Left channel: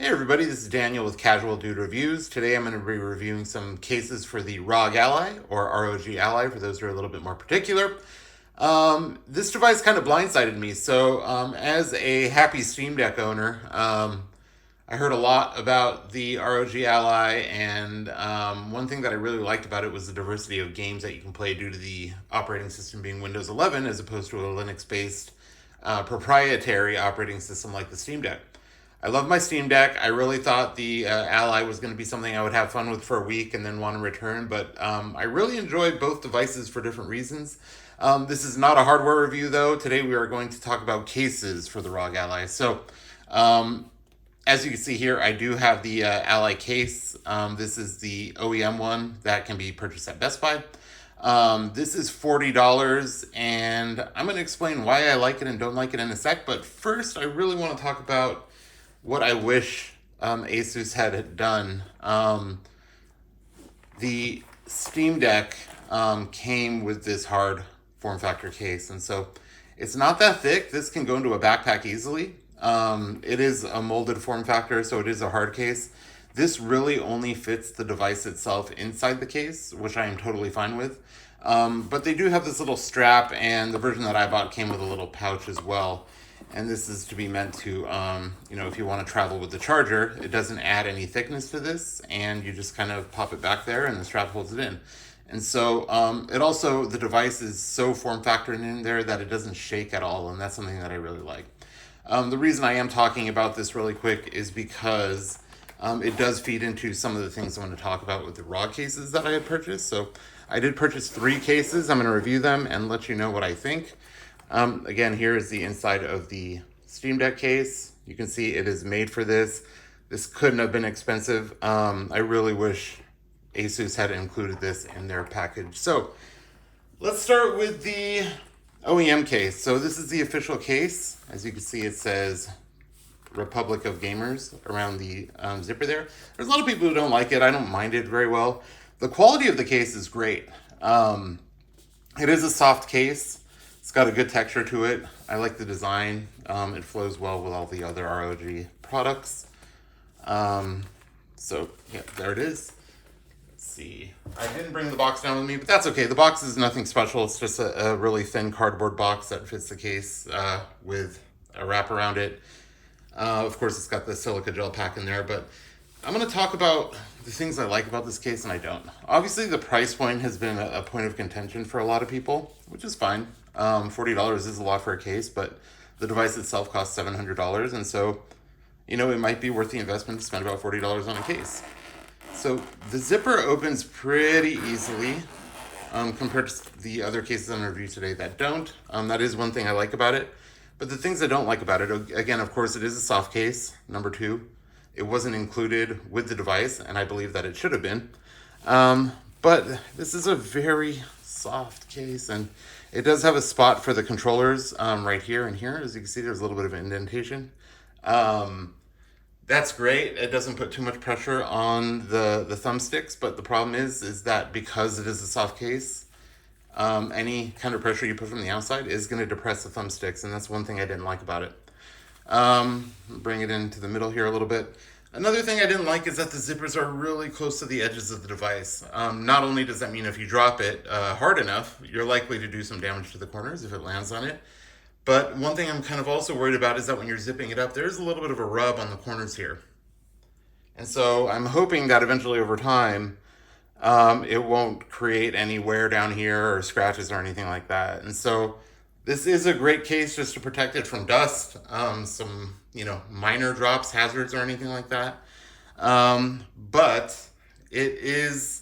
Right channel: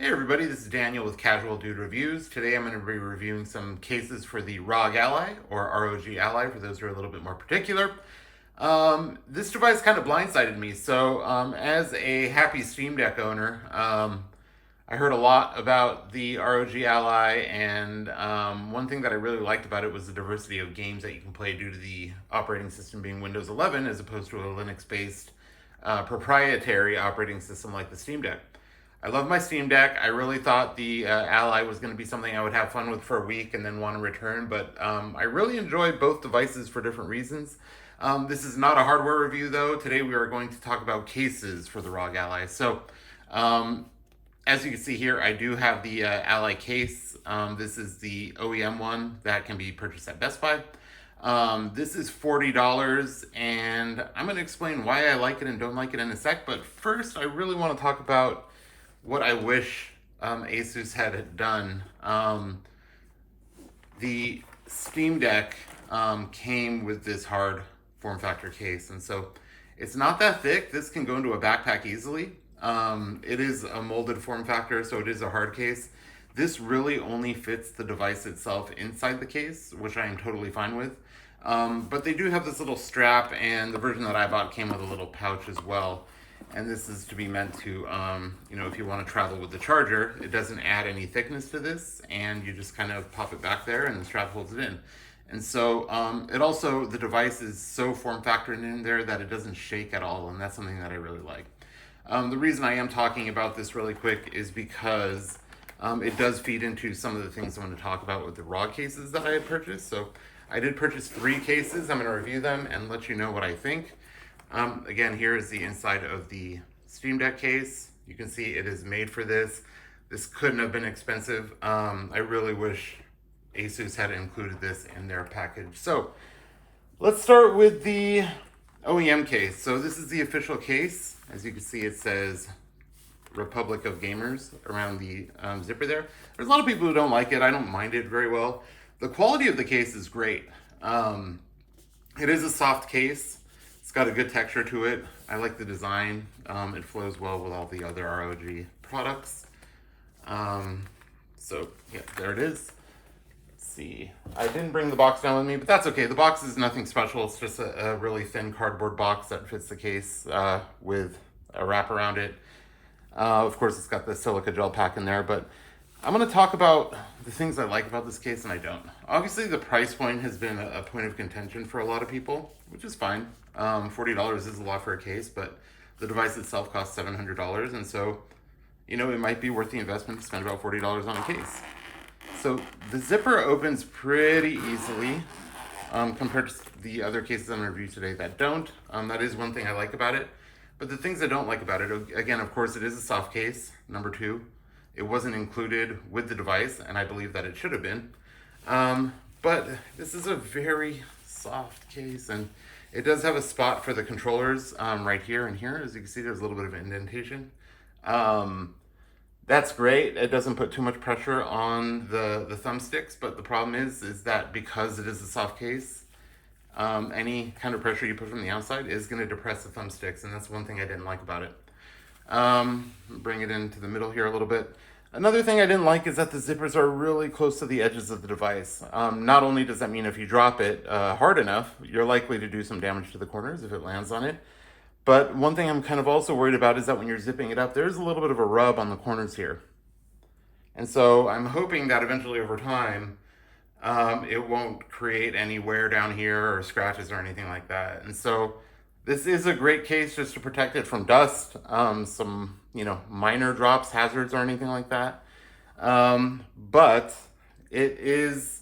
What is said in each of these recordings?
Hey everybody, this is Daniel with Casual Dude Reviews. Today I'm going to be reviewing some cases for the ROG Ally, or ROG Ally for those who are a little bit more particular. This device kind of blindsided me. So as a happy Steam Deck owner, I heard a lot about the ROG Ally, and one thing that I really liked about it was the diversity of games that you can play due to the operating system being Windows 11 as opposed to a Linux-based proprietary operating system like the Steam Deck. I love my Steam Deck. I really thought the Ally was going to be something I would have fun with for a week and then want to return, but I really enjoyed both devices for different reasons. This is not a hardware review, though. Today we are going to talk about cases for the ROG Ally. So, as you can see here, I do have the Ally case. This is the OEM one that can be purchased at Best Buy. This is $40, and I'm going to explain why I like it and don't like it in a sec, but first I really want to talk about what I wish Asus had done. The Steam Deck came with this hard form factor case, and so it's not that thick. This can go into a backpack easily. It is a molded form factor, so it is a hard case. This really only fits the device itself inside the case, which I am totally fine with. But they do have this little strap, and the version that I bought came with a little pouch as well. And this is to be meant to, if you want to travel with the charger, it doesn't add any thickness to this, and you just kind of pop it back there and the strap holds it in. And so it also, the device is so form factored in there that it doesn't shake at all, and that's something that I really like. The reason I am talking about this really quick is because it does feed into some of the things I'm going to talk about with the ROG cases that I had purchased. So I did purchase 3 cases. I'm going to review them and let you know what I think. Again, here is the inside of the Steam Deck case. You can see it is made for this. This couldn't have been expensive. I really wish Asus had included this in their package. So let's start with the OEM case. So this is the official case. As you can see, it says Republic of Gamers around the zipper there. There's a lot of people who don't like it. I don't mind it very well. The quality of the case is great. It is a soft case. It's got a good texture to it. I like the design. It flows well with all the other ROG products. So yeah, there it is. Let's see. I didn't bring the box down with me, but that's okay. The box is nothing special. It's just a really thin cardboard box that fits the case with a wrap around it. Of course, it's got the silica gel pack in there, but I'm going to talk about the things I like about this case and I don't. Obviously, the price point has been a point of contention for a lot of people, which is fine. $40 is a lot for a case, but the device itself costs $700, and so, it might be worth the investment to spend about $40 on a case. So the zipper opens pretty easily compared to the other cases I'm going to review today that don't. That is one thing I like about it. But the things I don't like about it, again, of course, it is a soft case, number 2. It wasn't included with the device, and I believe that it should have been. But this is a very soft case, and it does have a spot for the controllers right here and here. As you can see, there's a little bit of indentation. That's great. It doesn't put too much pressure on the thumbsticks, but the problem is that because it is a soft case, any kind of pressure you put from the outside is going to depress the thumbsticks, and that's one thing I didn't like about it. Bring it into the middle here a little bit. Another thing I didn't like is that the zippers are really close to the edges of the device. Not only does that mean if you drop it hard enough, you're likely to do some damage to the corners if it lands on it. But one thing I'm kind of also worried about is that when you're zipping it up, there's a little bit of a rub on the corners here. And so I'm hoping that eventually over time, it won't create any wear down here or scratches or anything like that. And so this is a great case just to protect it from dust, some, minor drops, hazards, or anything like that. But it is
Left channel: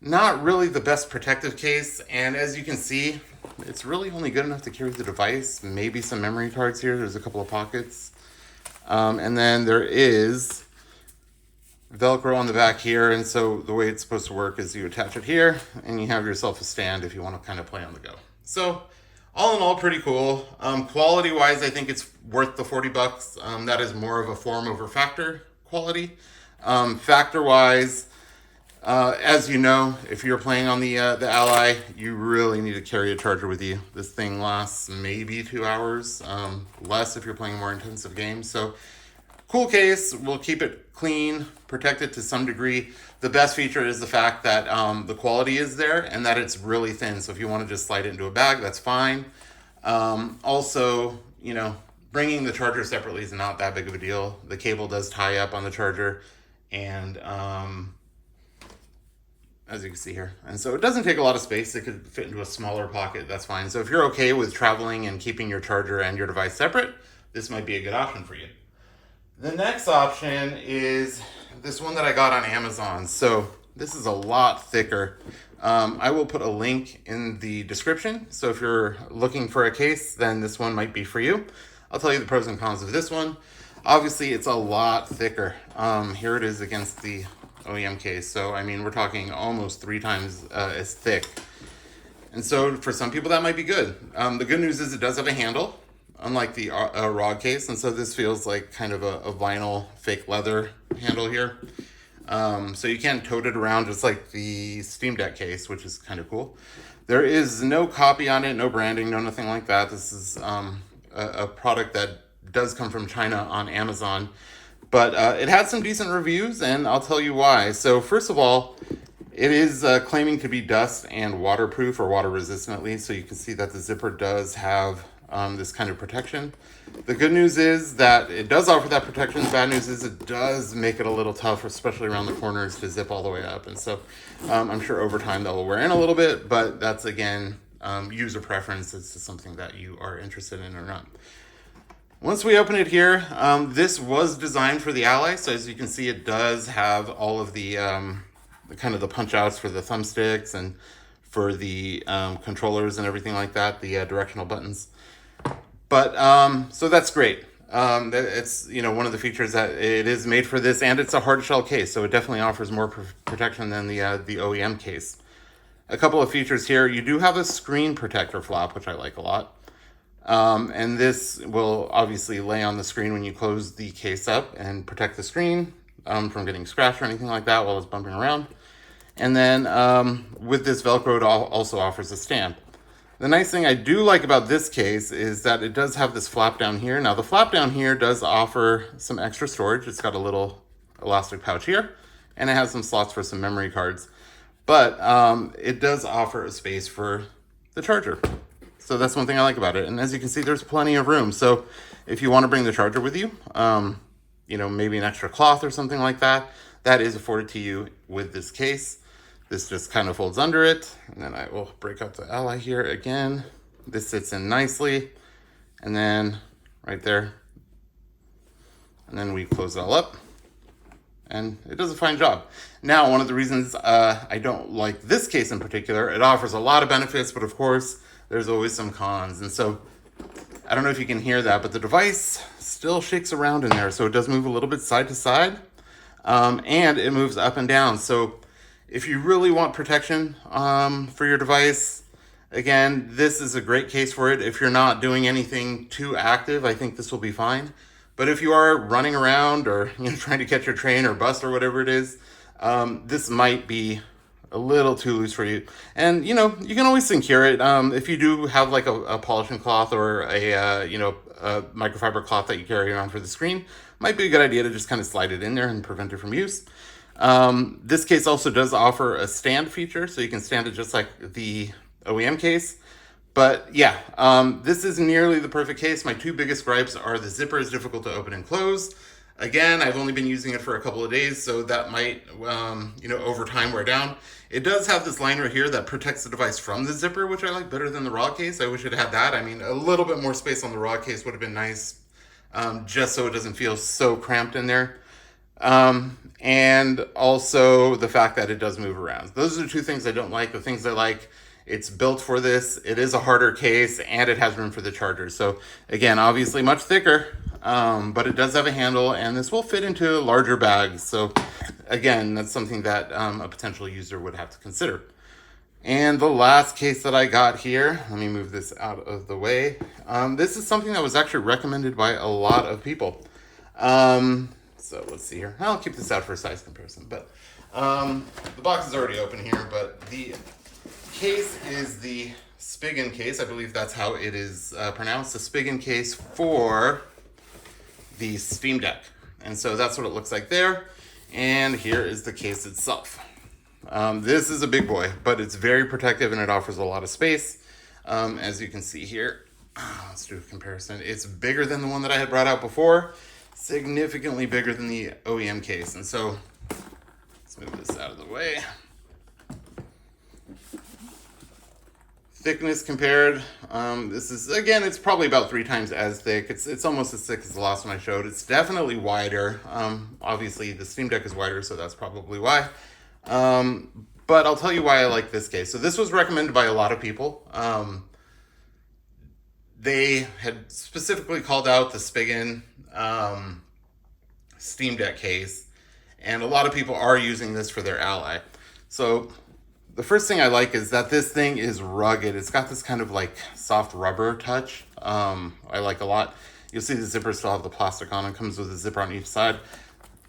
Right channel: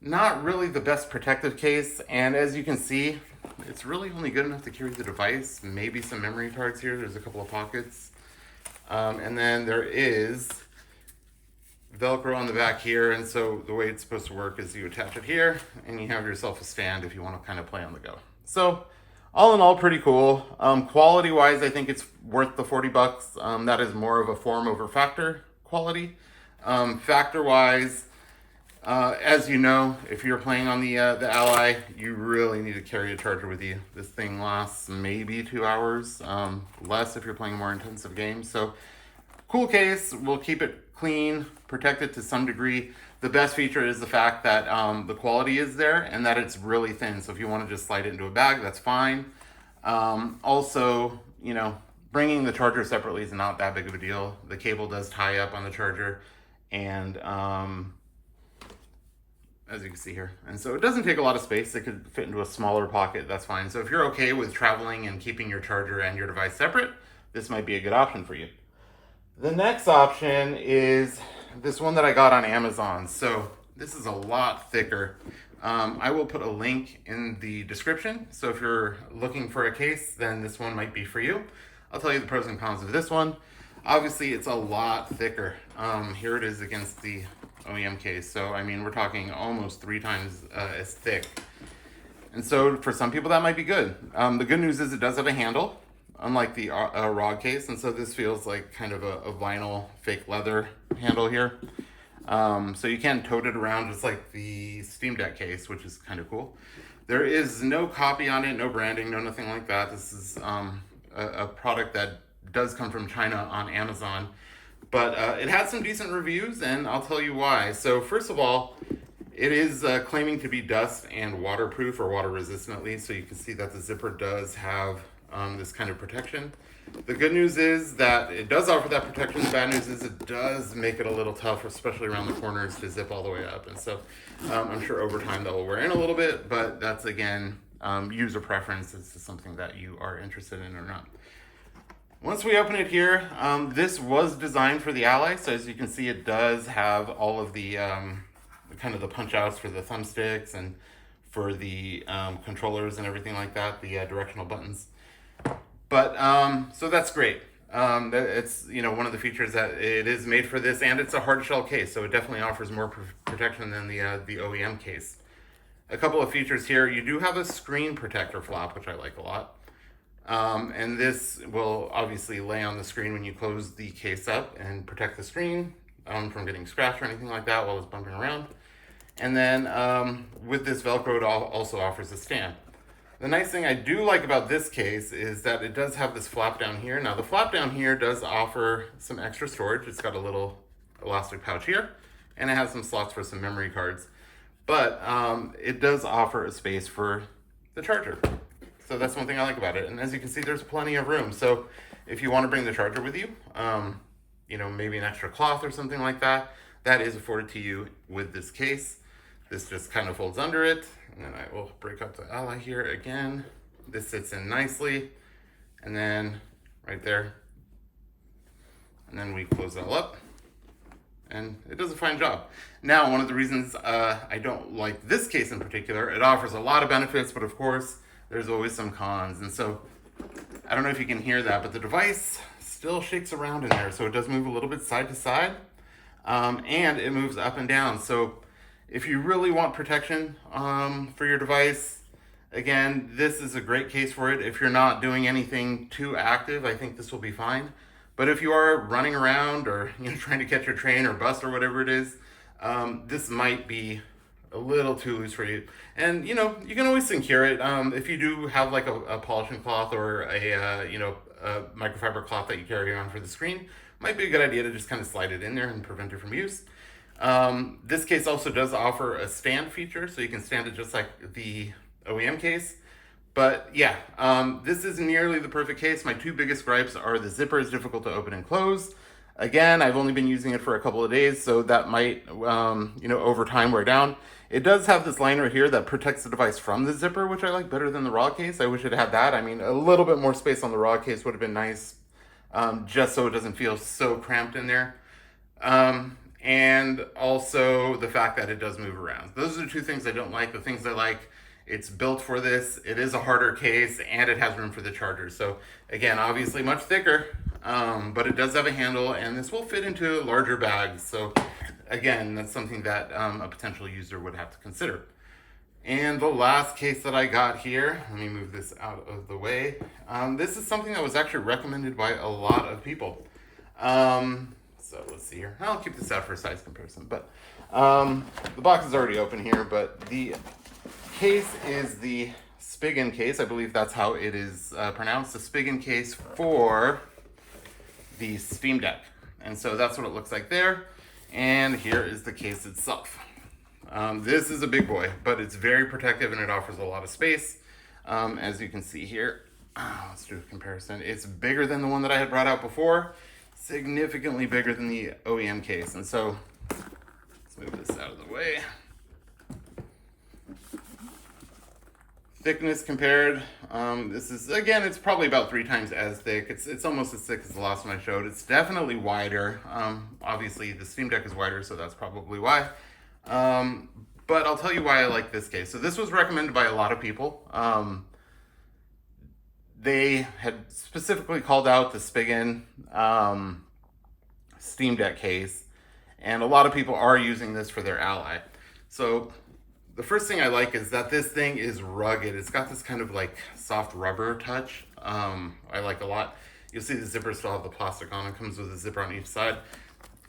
not really the best protective case. And as you can see, it's really only good enough to carry the device, maybe some memory cards here. There's a couple of pockets. And then there is Velcro on the back here. And so the way it's supposed to work is you attach it here and you have yourself a stand if you want to kind of play on the go. So all in all, pretty cool. Quality wise, I think it's worth the $40. That is more of a form over factor quality. Factor wise, as you know, if you're playing on the Ally, you really need to carry a charger with you. This thing lasts maybe 2 hours, less if you're playing more intensive games. So cool case. We'll keep it clean, protected to some degree. The best feature is the fact that the quality is there and that it's really thin. So if you want to just slide it into a bag, that's fine. Also, you know, bringing the charger separately is not that big of a deal. The cable does tie up on the charger, and as you can see here. And so it doesn't take a lot of space. It could fit into a smaller pocket, that's fine. So if you're okay with traveling and keeping your charger and your device separate, this might be a good option for you. The next option is this one that I got on Amazon. So this is a lot thicker. I will put a link in the description. So if you're looking for a case, then this one might be for you. I'll tell you the pros and cons of this one. Obviously, it's a lot thicker. Here it is against the OEM case. So, I mean, we're talking almost 3 times as thick. And so for some people, that might be good. The good news is it does have a handle, unlike the ROG case. And so this feels like kind of a vinyl fake leather handle here. So you can tote it around just like the Steam Deck case, which is kind of cool. There is no copy on it, no branding, no nothing like that. This is a product that does come from China on Amazon. But it had some decent reviews, and I'll tell you why. So first of all, it is claiming to be dust and waterproof, or water resistant at least. So you can see that the zipper does have this kind of protection. The good news is that it does offer that protection. The bad news is it does make it a little tough, especially around the corners, to zip all the way up. And so I'm sure over time that will wear in a little bit, but that's, again, user preference. This is something that you are interested in or not. Once we open it here, this was designed for the Ally. So as you can see, it does have all of the kind of the punch outs for the thumbsticks and for the controllers and everything like that, the directional buttons. But so that's great. It's, you know, one of the features that it is made for this, and it's a hard shell case, so it definitely offers more protection than the OEM case. A couple of features here: you do have a screen protector flap, which I like a lot, and this will obviously lay on the screen when you close the case up and protect the screen from getting scratched or anything like that while it's bumping around. And then with this Velcro, it also offers a stand. The nice thing I do like about this case is that it does have this flap down here. Now the flap down here does offer some extra storage. It's got a little elastic pouch here, and it has some slots for some memory cards. But it does offer a space for the charger. So that's one thing I like about it. And as you can see, there's plenty of room. So if you want to bring the charger with you, you know, maybe an extra cloth or something like that, that is afforded to you with this case. This just kind of folds under it, and then I will break up the Ally here again. This sits in nicely, and then right there, and then we close it all up, and it does a fine job. Now, one of the reasons I don't like this case in particular, it offers a lot of benefits, but of course, there's always some cons. And so, I don't know if you can hear that, but the device still shakes around in there, so it does move a little bit side to side, and it moves up and down. So if you really want protection for your device, again, this is a great case for it. If you're not doing anything too active, I think this will be fine. But if you are running around or, you know, trying to catch your train or bus or whatever it is, this might be a little too loose for you. And, you know, you can always secure it. If you do have like a polishing cloth or a, you know, a microfiber cloth that you carry around for the screen, might be a good idea to just kind of slide it in there and prevent it from use. This case also does offer a stand feature, so you can stand it just like the OEM case. But yeah, this is nearly the perfect case. My 2 biggest gripes are the zipper is difficult to open and close. Again, I've only been using it for a couple of days, so that might, you know, over time wear down. It does have this liner here that protects the device from the zipper, which I like better than the ROG case. I wish it had that. I mean, a little bit more space on the ROG case would have been nice, just so it doesn't feel so cramped in there. And also the fact that it does move around. Those are the 2 things I don't like. The things I like, it's built for this, it is a harder case, and it has room for the charger. So again, obviously much thicker, but it does have a handle, and this will fit into larger bags. So again, that's something that a potential user would have to consider. And the last case that I got here, let me move this out of the way. This is something that was actually recommended by a lot of people. So let's see here. I'll keep this out for a size comparison, but the box is already open here, but the case is the Spigen case. I believe that's how it is pronounced. The Spigen case for the Steam Deck. And so that's what it looks like there. And here is the case itself. This is a big boy, but it's very protective and it offers a lot of space. As you can see here, let's do a comparison. It's bigger than the one that I had brought out before, significantly bigger than the OEM case. And so let's move this out of the way. Thickness compared, this is, again, it's probably about 3 times as thick. It's almost as thick as the last one I showed. It's definitely wider. Obviously the Steam Deck is wider, so that's probably why. But I'll tell you why I like this case. So this was recommended by a lot of people. They had specifically called out the Spigen Steam Deck case, and a lot of people are using this for their Ally. So the first thing I like is that this thing is rugged. It's got this kind of like soft rubber touch. I like a lot. You'll see the zipper still have the plastic on. It comes with a zipper on each side.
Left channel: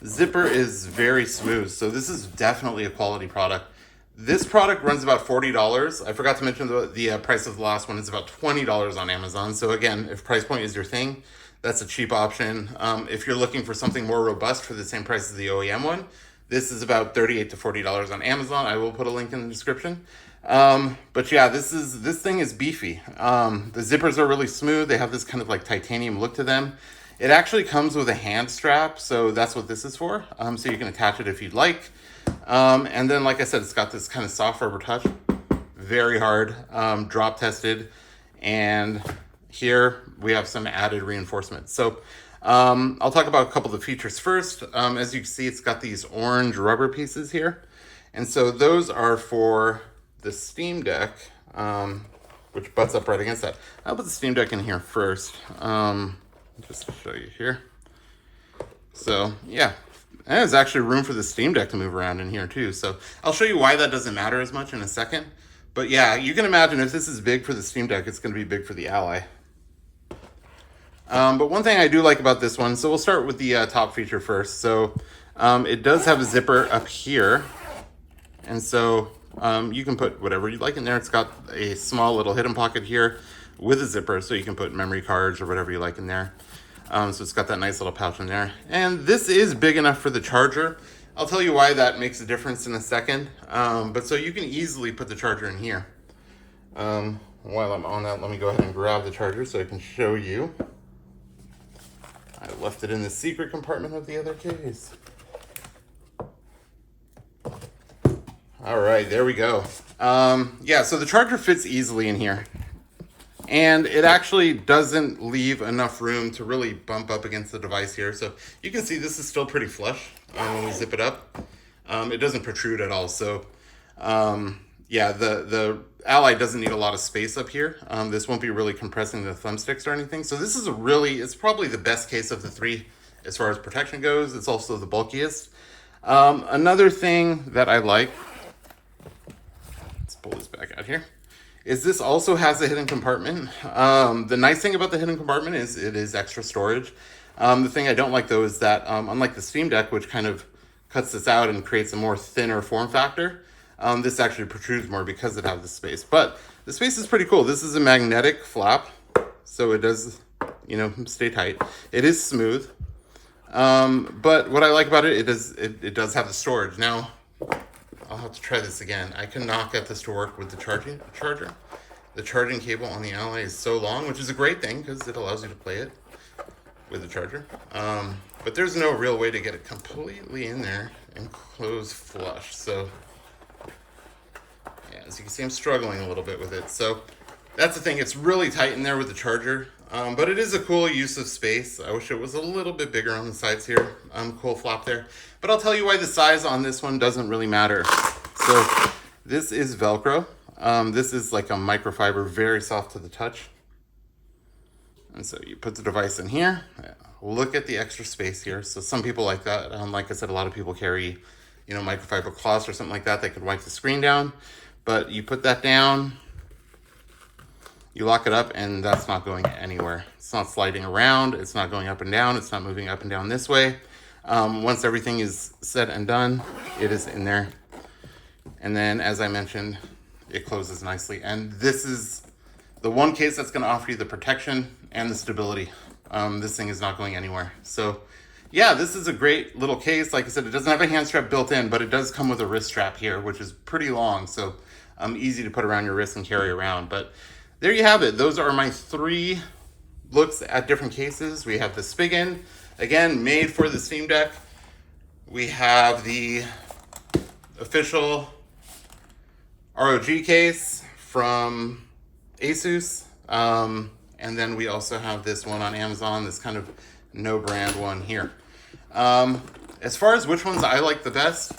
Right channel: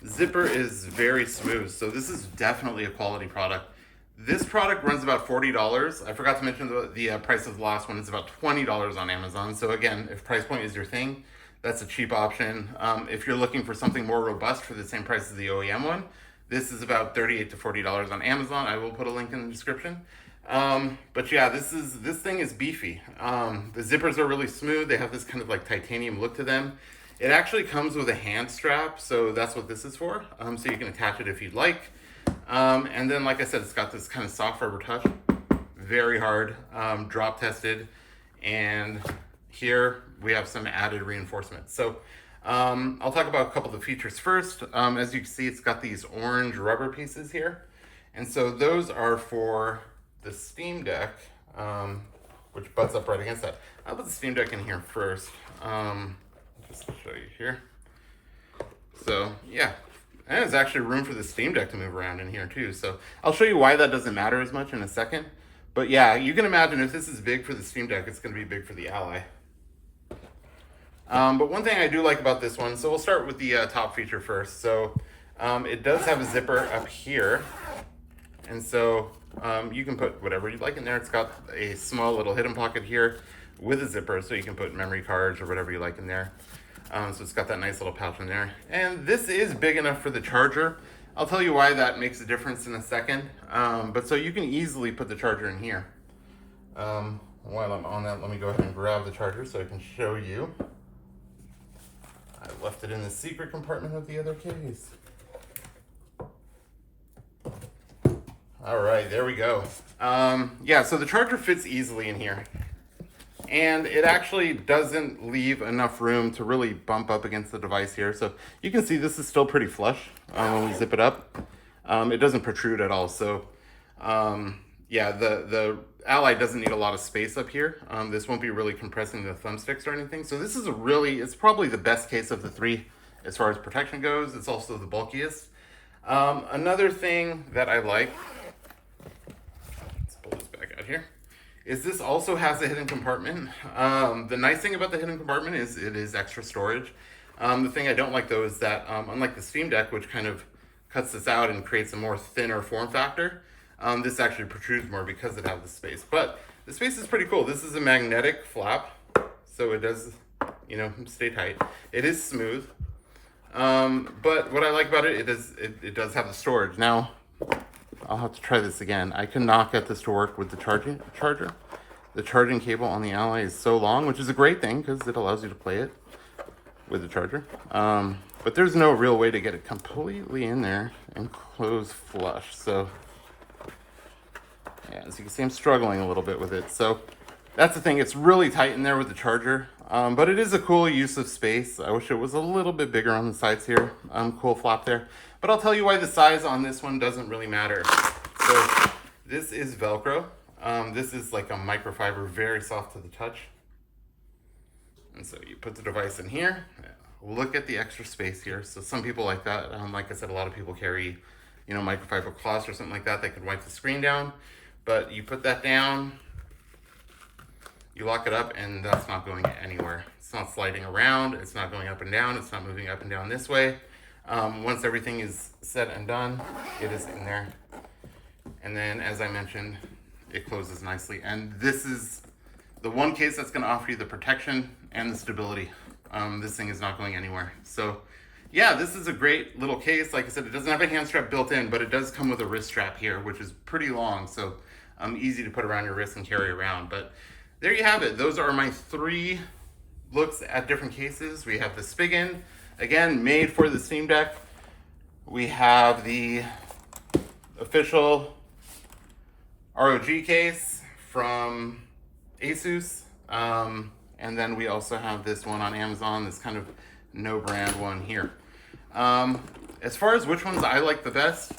The zipper is very smooth, so this is definitely a quality product. This product runs about $40. I forgot to mention the price of the last one is about $20 on Amazon. So again, if price point is your thing, that's a cheap option. If you're looking for something more robust for the same price as the OEM one, this is about $38 to $40 on Amazon. I will put a link in the description. But yeah, this thing is beefy. The zippers are really smooth. They have this kind of like titanium look to them. It actually comes with a hand strap, so that's what this is for. So you can attach it if you'd like. And then, like I said, it's got this kind of soft rubber touch, very hard, drop tested. And here we have some added reinforcements. So I'll talk about a couple of the features first. As you can see, it's got these orange rubber pieces here. And so those are for the Steam Deck, which butts up right against that. I'll put the Steam Deck in here first, just to show you here. So yeah, and there's actually room for the Steam Deck to move around in here too. So I'll show you why that doesn't matter as much in a second. But yeah, you can imagine if this is big for the Steam Deck, it's going to be big for the Ally. But one thing I do like about this one, so we'll start with the top feature first. So it does have a zipper up here. And so you can put whatever you'd like in there. It's got a small little hidden pocket here with a zipper, so you can put memory cards or whatever you like in there. So it's got that nice little pouch in there. And this is big enough for the charger. I'll tell you why that makes a difference in a second. But so you can easily put the charger in here. While I'm on that, let me go ahead and grab the charger so I can show you. I left it in the secret compartment of the other case. All right, there we go. Yeah, so the charger fits easily in here. And it actually doesn't leave enough room to really bump up against the device here. So you can see this is still pretty flush when we zip it up. It doesn't protrude at all. So yeah, the Ally doesn't need a lot of space up here. This won't be really compressing the thumbsticks or anything. So this is it's probably the best case of the 3 as far as protection goes. It's also the bulkiest. Another thing that I like, let's pull this back out here, is this also has a hidden compartment. The nice thing about the hidden compartment is it is extra storage. The thing I don't like though is that unlike the Steam Deck, which kind of cuts this out and creates a more thinner form factor, this actually protrudes more because it has the space. But the space is pretty cool. This is a magnetic flap, so it does, stay tight. It is smooth. But what I like about it, it does have the storage. Now, I'll have to try this again. I cannot get this to work with the charger. The charging cable on the Ally is so long, which is a great thing because it allows you to play it with the charger. But there's no real way to get it completely in there and close flush. So yeah, as you can see, I'm struggling a little bit with it. So that's the thing. It's really tight in there with the charger. But it is a cool use of space. I wish it was a little bit bigger on the sides here. Cool flap there. But I'll tell you why the size on this one doesn't really matter. So this is Velcro. This is like a microfiber, very soft to the touch. And so you put the device in here. Look at the extra space here. So some people like that. Like I said, a lot of people carry, microfiber cloths or something like that. They could wipe the screen down. But you put that down, you lock it up, and that's not going anywhere. It's not sliding around. It's not going up and down. It's not moving up and down this way. Once everything is said and done, it is in there. And then, as I mentioned, it closes nicely. And this is the one case that's going to offer you the protection and the stability. This thing is not going anywhere. So yeah, this is a great little case. Like I said, it doesn't have a hand strap built in, but it does come with a wrist strap here, which is pretty long, so easy to put around your wrist and carry around. But there you have it. Those are my 3 looks at different cases. We have the Spigen, again, made for the Steam Deck. We have the official ROG case from Asus. And then we also have this one on Amazon, this kind of no brand one here. As far as which ones I like the best,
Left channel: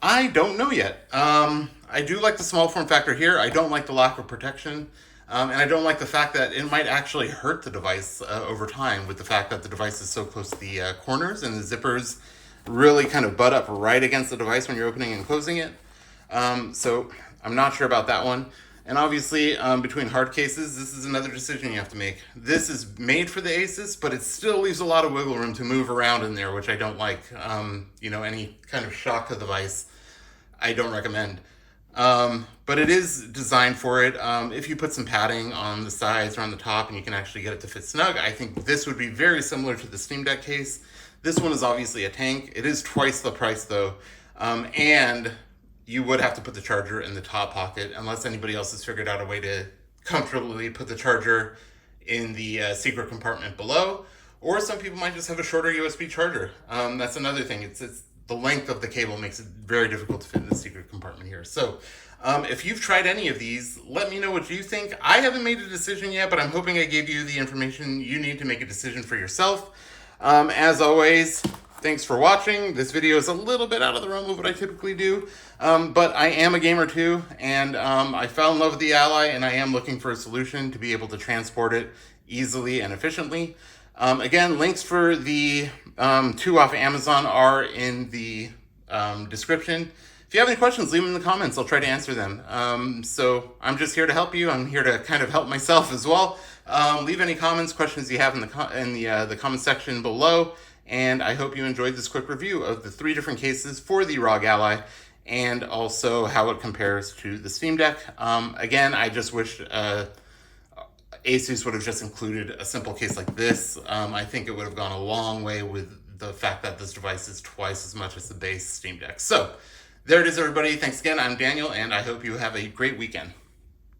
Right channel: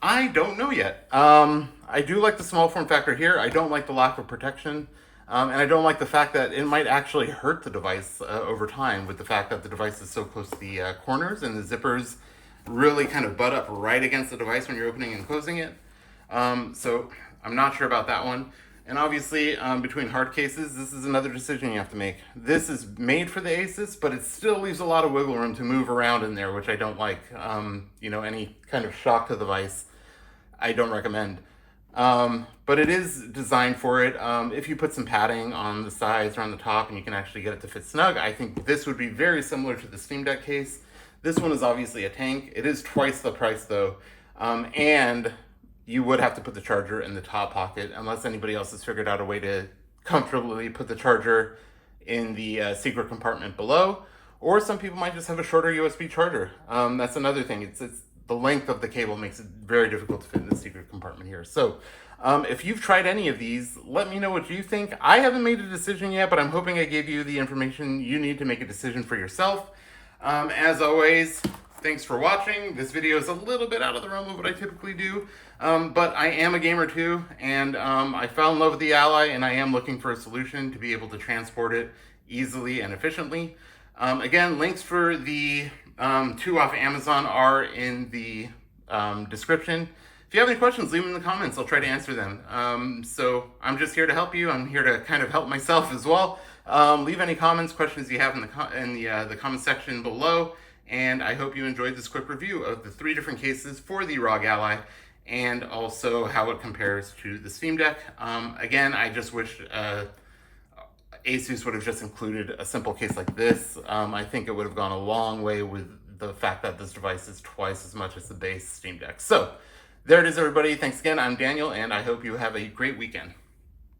I don't know yet. I do like the small form factor here. I don't like the lack of protection. And I don't like the fact that it might actually hurt the device over time, with the fact that the device is so close to the corners and the zippers really kind of butt up right against the device when you're opening and closing it. So I'm not sure about that one. And obviously, between hard cases, this is another decision you have to make. This is made for the Asus, but it still leaves a lot of wiggle room to move around in there, which I don't like. Any kind of shock to the device, I don't recommend. But it is designed for it. If you put some padding on the sides or on the top and you can actually get it to fit snug, I think this would be very similar to the Steam Deck case. This one is obviously a tank. It is twice the price though. And you would have to put the charger in the top pocket, unless anybody else has figured out a way to comfortably put the charger in the secret compartment below. Or some people might just have a shorter USB charger. That's another thing. It's the length of the cable makes it very difficult to fit in the secret compartment here. So if you've tried any of these, let me know what you think. I haven't made a decision yet, but I'm hoping I gave you the information you need to make a decision for yourself. As always, thanks for watching. This video is a little bit out of the realm of what I typically do, but I am a gamer too, and I fell in love with the Ally, and I am looking for a solution to be able to transport it easily and efficiently. Again, links for the 2 off Amazon are in the description. If you have any questions, leave them in the comments. I'll try to answer them. So I'm just here to help you. I'm here to kind of help myself as well. Leave any comments, questions you have in the comment section below. And I hope you enjoyed this quick review of the 3 different cases for the ROG Ally, and also how it compares to the Steam Deck. Again, I just wish Asus would have just included a simple case like this. I think it would have gone a long way with the fact that this device is twice as much as the base Steam Deck. So there it is, everybody. Thanks again. I'm Daniel, and I hope you have a great weekend.